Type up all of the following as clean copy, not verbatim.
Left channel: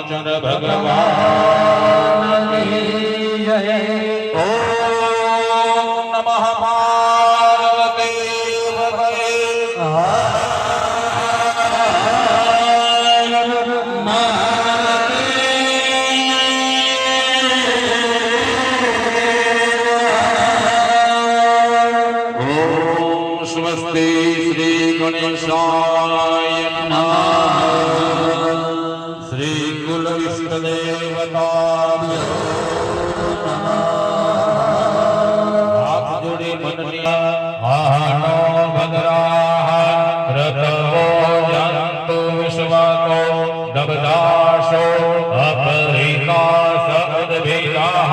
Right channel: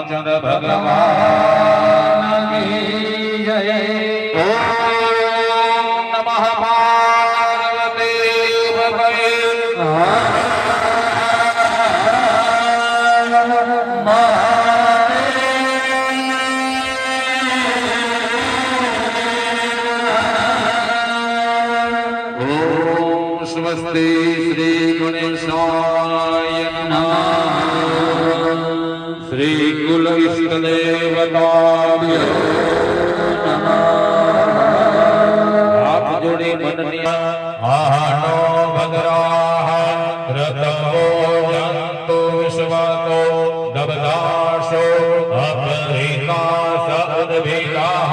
रामचंद्र भगवान की जय। ओम नमः पार्वती पतये। स्वस्ति श्री गणेशाय नमः। श्री कुल इष्ट देवताभ्यो नमः। आप जोड़े मननिया आहानो भद्राः रतवो जन्तु विश्वाको दबदाशो अपरिका सद्भिराः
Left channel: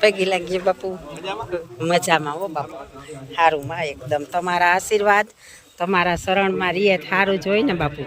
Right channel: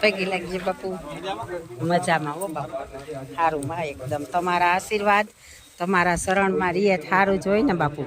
પગી લાગીએ બાપુ મજામાં હો બાપુ સારું માં એકદમ તમારા આશીર્વાદ તમારા શરણમાં રીએ સારું જોઈ ને બાપુ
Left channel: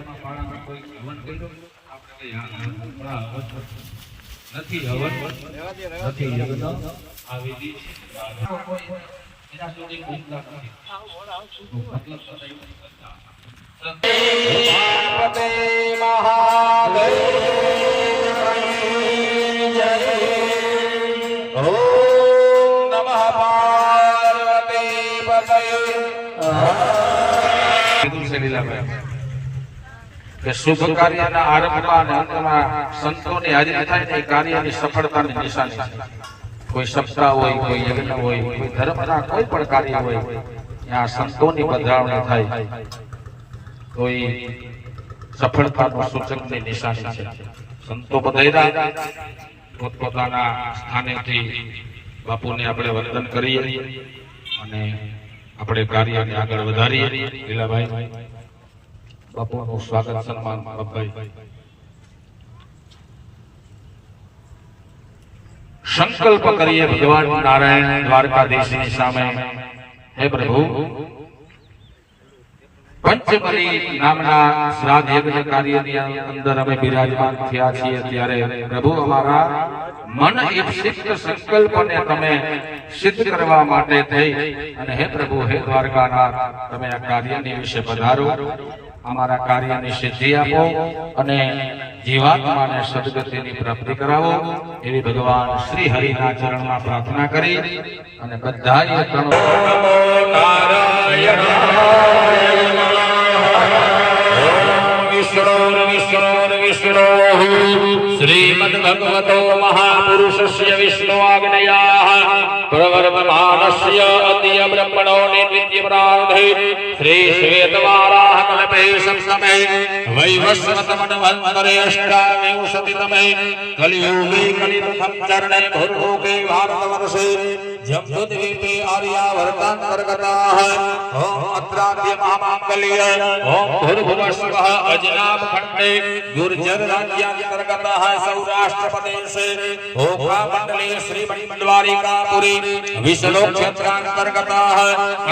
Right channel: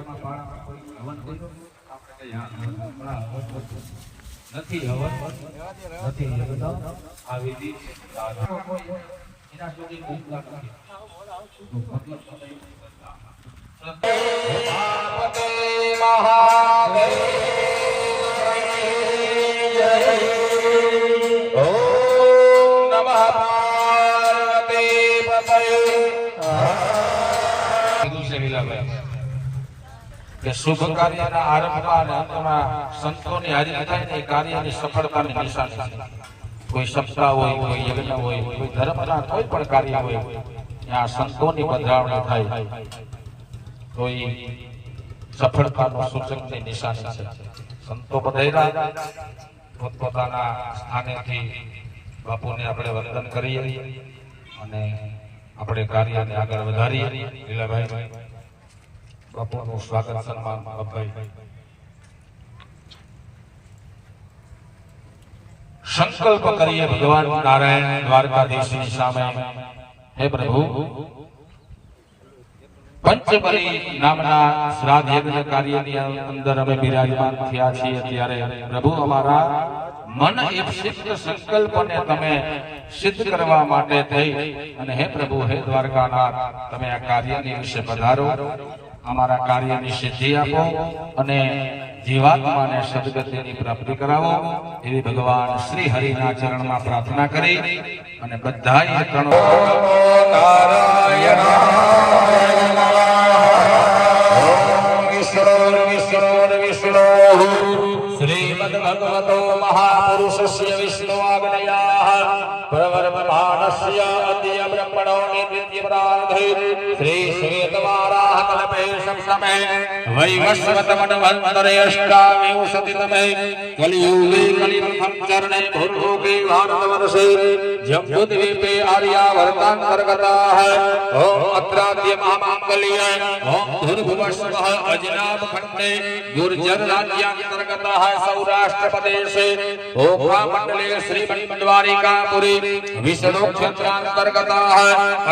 શુભ કાર્યના આરંભમાં અને અંતમાં સંતોની હાજરી થાય ને એ કાર્યની સફળતાની નિશાની છે। કોઈ સપ્તાહ હોય, કોઈ યજ્ઞ હોય, કોઈ ધર્મના કોઈ પણ કાર્ય હોય ત્યાં સંતોની પધરામણી થાય તો એ સફળતાનું સૂચકની નિશાની છે। સંતો પધાર્યા પોતપોતાના સ્થાનેથી બાપુને આપણે વંદન કરીએ અને આપણે કાર્યને આગળ વધારીએ। લીલાભાઈ બાપુનું સ્વાગત સન્માન બાપાઈ। સંકલ્પ કરીએ ભગવાન નારાયણ દ્વારકાધીશની સામે, હે પ્રભુ પંચબલી નામના શ્રાદ્ધ યજ્ઞ કાર્યની અંદર અમે બિરાજમાન થયા છીએ ત્યારે પ્રભુ અમારા મન ઈપ્સિત સંકલ્પને તમે સિદ્ધ કરવા માટે થઈ અને હે પ્રભુ હે દ્વારકાનાથ તમે આ કાર્યની વિશે પધારો, અમારા કાર્યની સિદ્ધિ આપો અને જીવાત્માને સદગતિની પ્રાપ્તિ કરાવો એવી ભગવાન શ્રી હરિના ચરણમાં પ્રાર્થના કરી અને બધાએ પ્રણવ શ્રીમદ ભગવતો મહાપુરુષસ્ય વિષ્ણુ આજ્ઞયા પ્રવર્તમાનસ્ય અદ્ય બ્રહ્મણો નિત્ય પ્રાંધે શ્રી શ્વેતવારાહ કલ્પે સંસમે વૈવસ્વતમન્વંતરે અષ્ટાવિંશતિતમે કલિયુગે કલિયુગમ ચરણે ભૂર્ભુકે ભારતવર્ષે જમ્બુદ્વીપે આર્યાવર્તાંતર્ગતાઃ ઓમ અત્રાદ્ય મહામાંગલ્ય ઓમ ભૂર્ભુવસ્વઃ અજનાભ ખંડે ગુર્જર રાજ્યાંતર્ગતઃ સૌરાષ્ટ્ર પ્રદેશે ઓખા શ્રી મણિમંડવારિકાપુરી વિશ્વલોક ક્ષેત્રાંતર્ગતઃ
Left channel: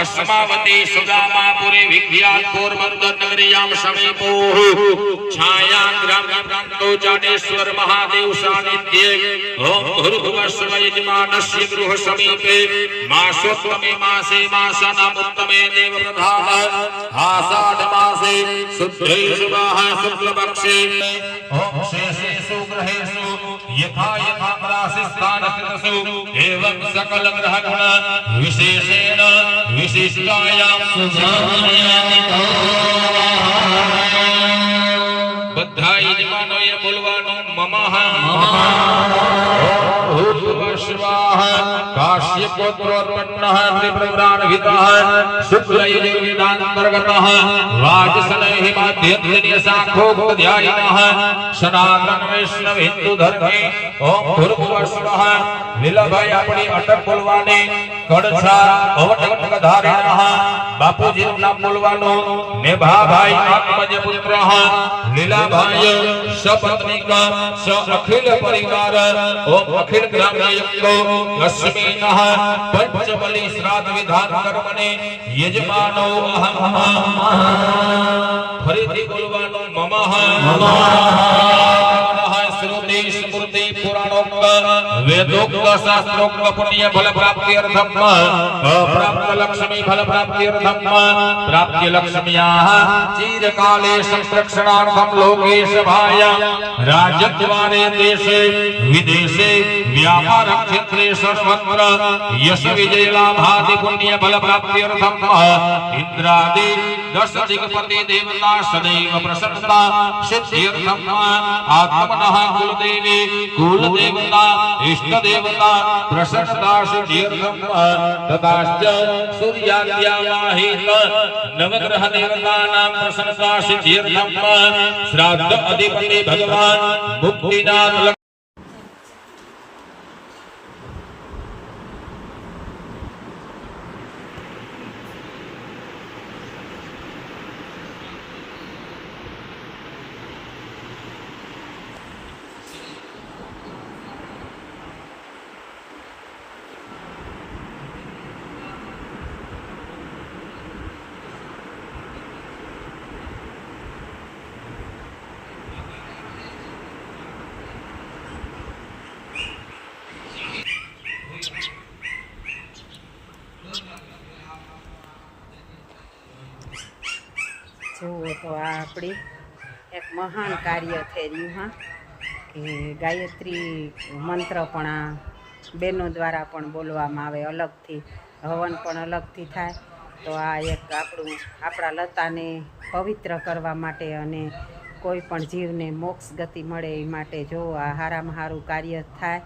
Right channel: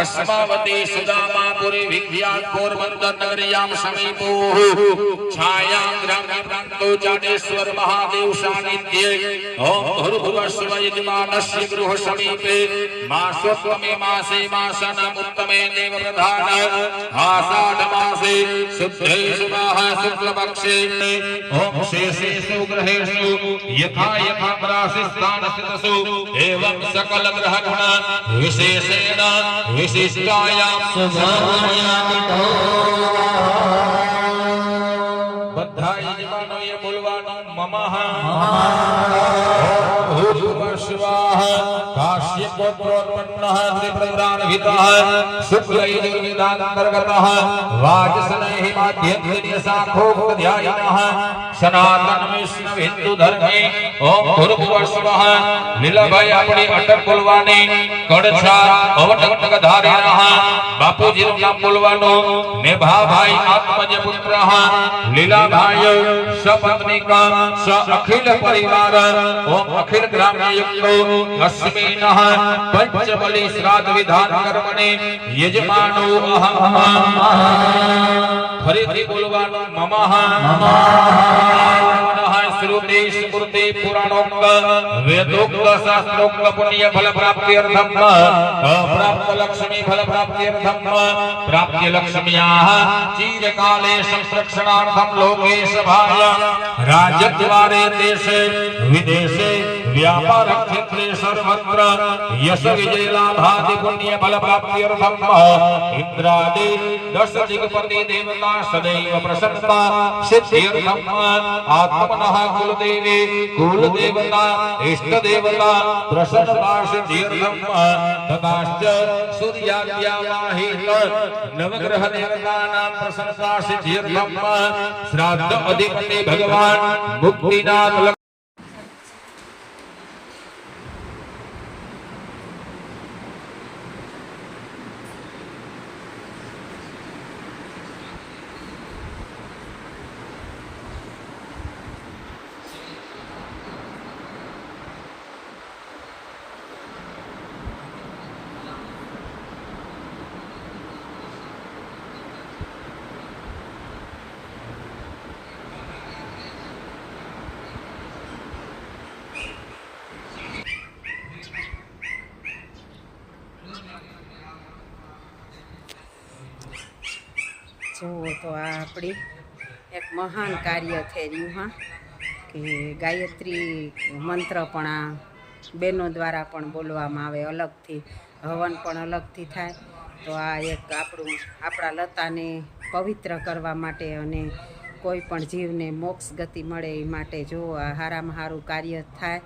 અસ્માવતી સુદામાપુરી વિખ્યાત પોરબંદર નગરીયામ સમીપોઃ છાયાગ્રામ પ્રાંતો જાડેશ્વર મહાદેવ સાનિધ્યે ઓમ ભૂર્ભુવસ્વ યજમાનસ્ય ગૃહ સમીપે માસોત્તમે માસે માસનામ ઉત્તમે દેવ પ્રધાન આષાઢ માસે શુદ્ધે શુભાઃ શુક્લપક્ષે ઓમ શેષેષુ ગ્રહેષુ યથા યથા પ્રાશિસ્તાનસ્તસુ એવં સકલ ગ્રહ ગુણ વિશેષેણ વિશિષ્ટાયામ સુધામયામિતો બધા યજમાનોએ બોલવાનું મમઃ भूर्भुवस्वः काश्यपोत्रोत्पन्नः त्रिपुराणहितः शुक्लयजुर्वेदान्तर्गतः वाजसनैः माध्यन्यशाखोक्तध्यायिनः सनातन वैष्णव हिंदू धर्मे ओम भूर्भुवस्वः લીલાભાઈ આપણી અટક બોલવાની કડછા અવટક ધારેના બાપુજીનું નામ બોલવાનું નેભાભાઈ આત્મજ પુત્ર લીલાભાઈ સપત્નીક સ અખિલ પરિવાર ઓમ અખિલ ગ્રામ્ય યુક્તો અસ્મિનઃ પંચબલી શ્રાદ્ધ વિધાન કર્મને યજમાનો અહમ ફરીથી બોલવાનું મમઃ श्रुति स्मृति पुराणोक्त वेदोक्त शास्त्रोक्त पुण्य फल प्राप्ति अर्थम अप्राप्त लक्ष्मी फल प्राप्ति अर्थम प्राप्य लक्ष्म्याः चिरकाले संरक्षणार्थम लोके सभाय राजद्वारे देशे विदेशे व्यापार क्षेत्रे सर्वत्र यश विजय लाभादि पुण्य फल प्राप्ति अर्थम इंद्रादि दश दिग्पति देवता सदैव प्रसन्नता सिद्ध्यर्थम आत्मनः कुलदेवी कुलदेवता इष्ट देवता प्रसन्नता सिद्ध्यर्थम तथाश्च सूर्याद्यावाहित नवग्रह देवतानां प्रसन्नता सिद्ध्यर्थम श्राद्ध अधिपति भगवान मुक्तिनाम જુઓ તો આ આપણી એક મહાન કાર્ય થઈ રહ્યું હા કે ગાયત્રી મંત્ર પણ આ બહેનો દ્વારા પણ બોલવામાં આવે અલગથી હવન પણ અલગથી થાય તો આ એક આપણા લતાને પવિત્ર કરવા માટે અને કોઈ પણ જીવને મોક્ષ ગતિ મળે એ માટે જો આ હારામાં હારું કાર્ય થાય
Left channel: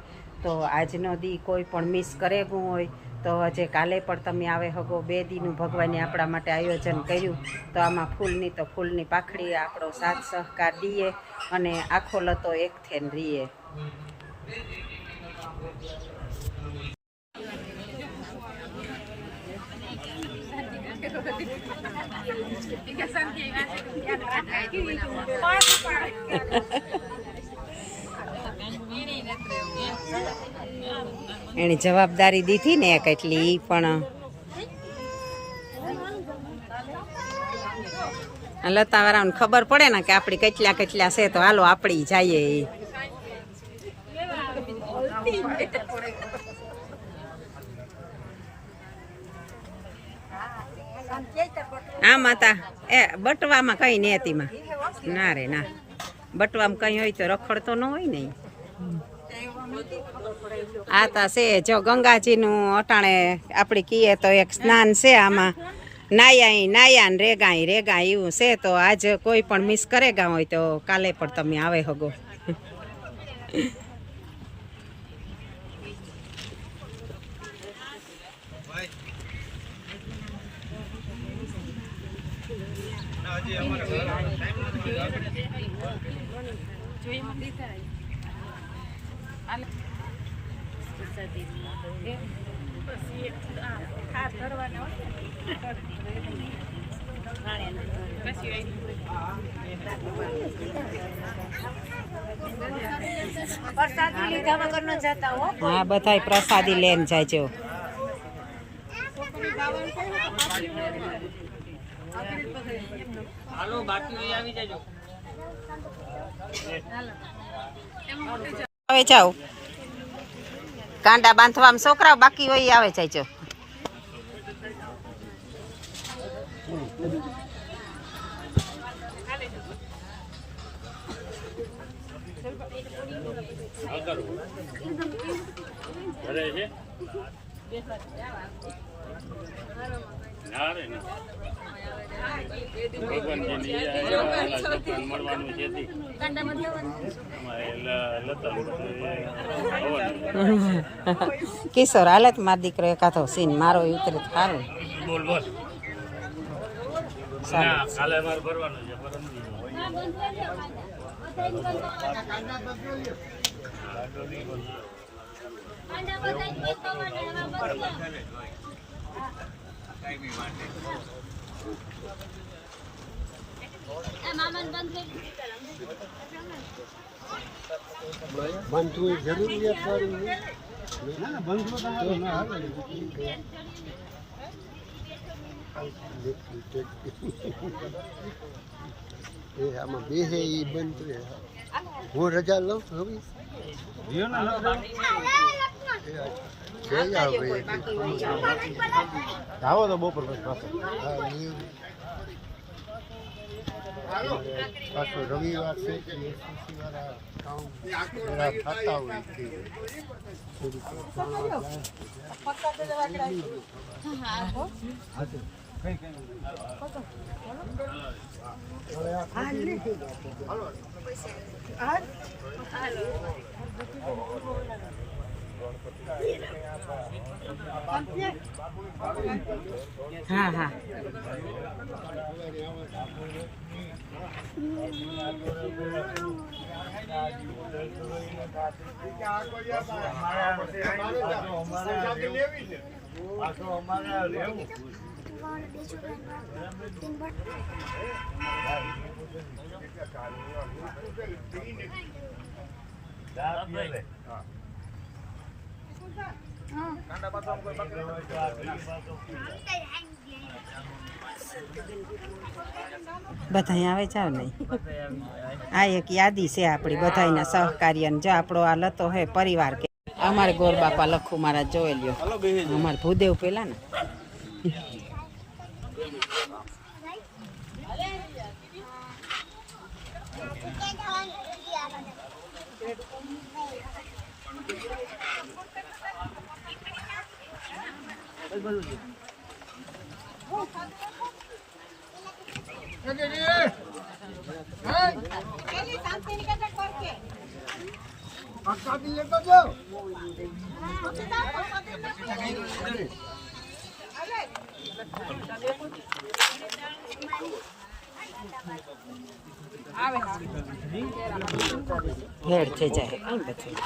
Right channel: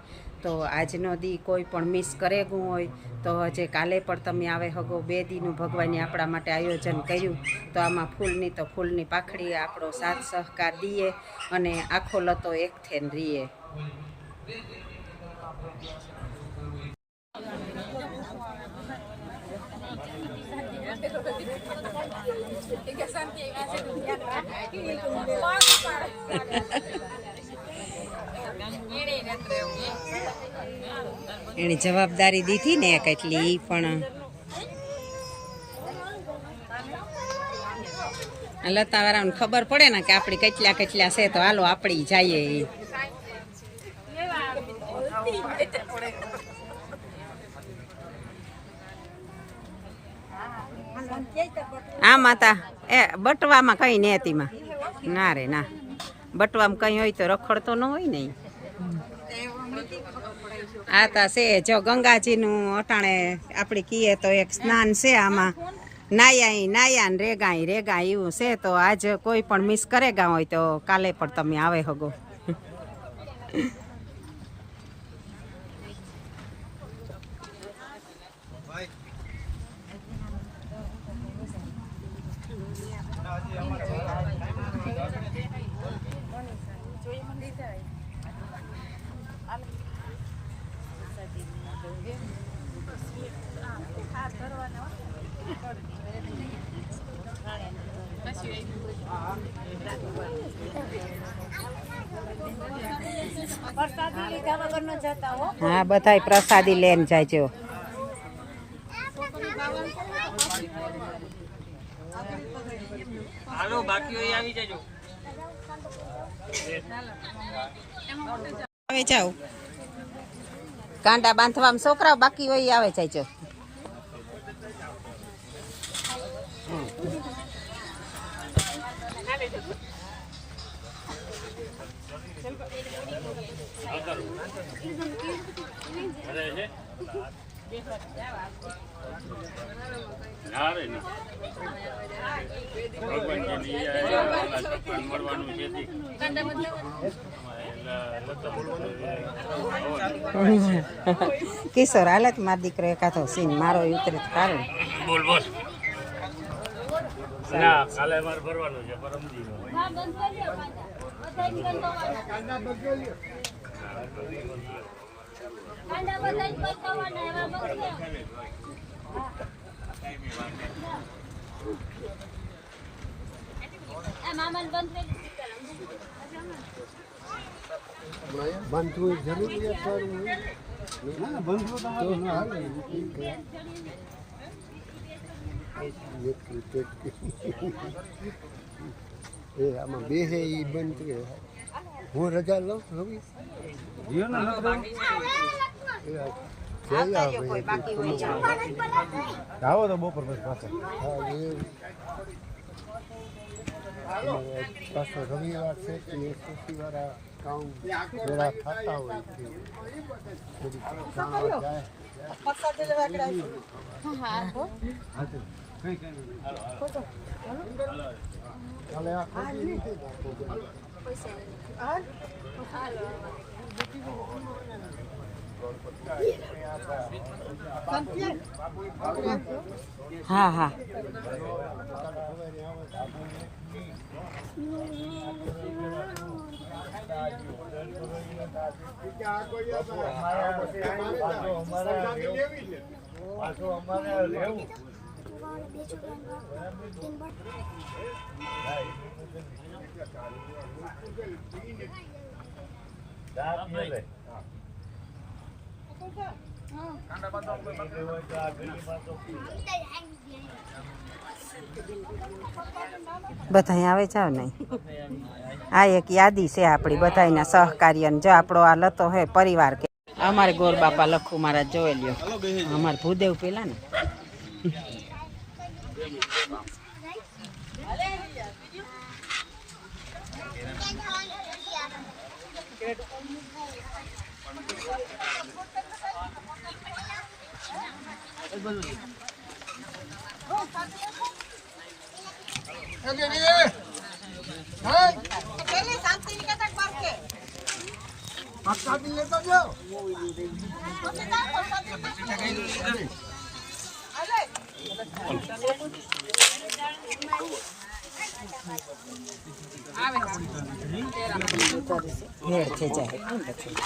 તો આજનો દી કોઈ પણ મિસ કરે ગયું હોય તો હજે કાલે પણ તમે આવે હગો 2 દીનું ભગવાને આપણા માટે આયોજન કર્યું તો આમાં ફૂલની તો ફૂલની પાખડી આપણો સાથ સહકાર દઈએ અને આખો લતો એક થઈને રહીએ. એની જવાબદારી દીધી ને કેટલી પણ લતાવાળાને ખબર પડે ને કે આપણી કેટલા કેટલા છે તો હાલો આપણી જઈએ. આ માતા એ બટવામાં કઈ નેતીમાં ના રે ના બટવામાં કઈ હોય તો રખડતો ન હોય ને. આ તા છે જો ગંગાજીનું અટાણે આપણે કહીએ તો એક સ્નાન છે આમાં નાયા ને રેગા એવું છે તો આજ કોઈ પણ મિસ કરેગા હોય તો કાલે પણ તમે આવે હગો. હા બધાય પ્રસાદી લઈને જાયજો. હાલો બાકી હોય આવી જાજો. આવે જાવ કાંડા બાંધવામાં છોકરાઓ બાકી હોય આવે જાયજો. કિશોર હાલત માર દીકરો એકાથો સીન મારો ઉતરે તો સારું. બોલ બોલ ના કાલે મારે ભરવાનું છે પરમદી બંધુ જરૂરિયાત વાળું ના ના બંધુ તમારું ના હાલે એ આમાં બે હે એ બંધ રહે હું રજા લઉં હવે આવો તો બપોર પછી પાછો હા એવું પાછો રવિવાર છે કે શનિવાર કામ જરા થતા હોય થોડું જાણવા જાય કઈ કઈ હા હા બધા આવે જાવ નહીં આ એક યાદી છે આપણી બધાના સહકાર્યની જો આપણો આ લતો હોય પરિવાર કે અમારે ગોર બાપા લખું મારા જોઈ લ્યો અમારે ભૂદેવ પેલા ને ભેળ થઈ જાય કઈ બધું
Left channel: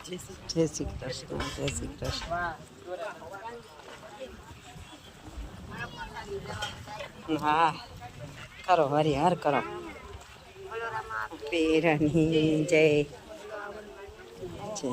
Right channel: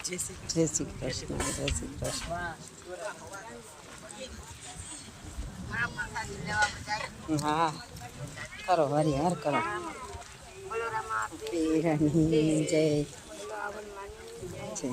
જય શ્રી કૃષ્ણ જય શ્રી કૃષ્ણ હા કરો હરિહર કરો પીરની જય જય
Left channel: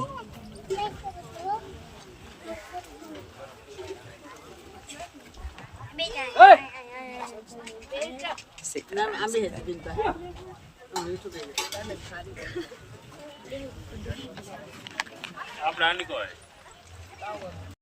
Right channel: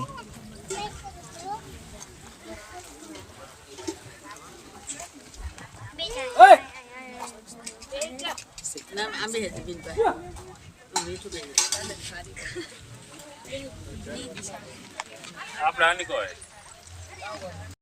આપણે આની કહે